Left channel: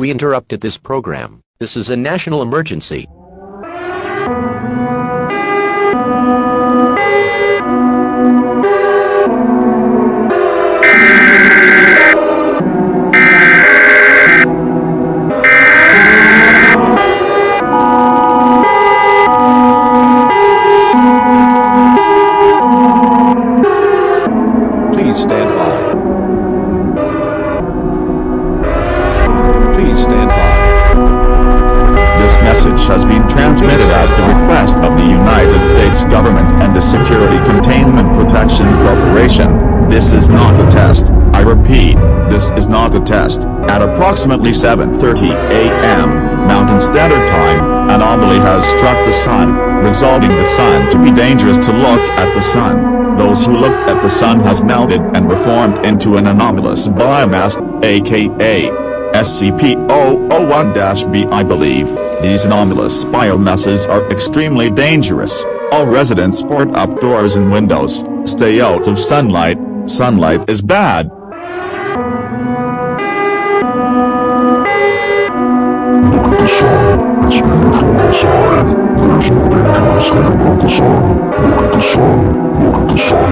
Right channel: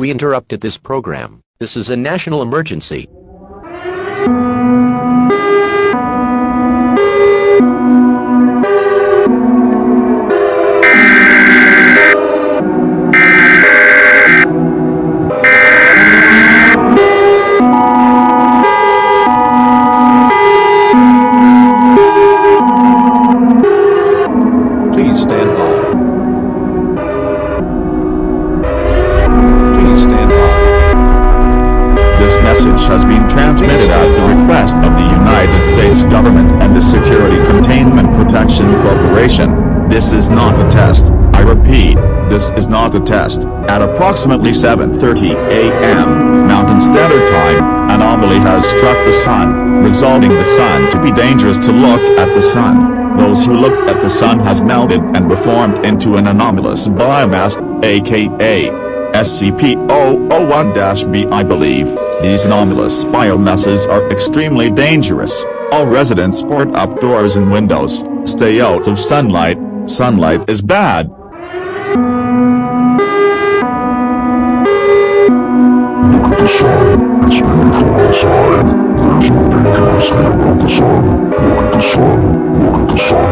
We interrupted this program. This is a national emergency. Please stand by. Please stand by. This message has been transmitted at the request of the United States government and the Security Containment Protection Corporation. This is not a test. I repeat, this is not a test. At approximately 7:30 a.m. Mountain Standard Time, anomaly has struck the sun, resulting the sun to be dangerous to look at the sun. Those who looked at the sun has melted and reformed into an anomalous biomass, aka SCP-001-B. I believe these anomalous biomasses are extremely dangerous. All residents port up doors and windows. Stay out of sunlight. Sunlight is bad. Look at the sun. It's beautiful outside. There's no dangerous thing about the sun. Look at the sun. Look at the sun.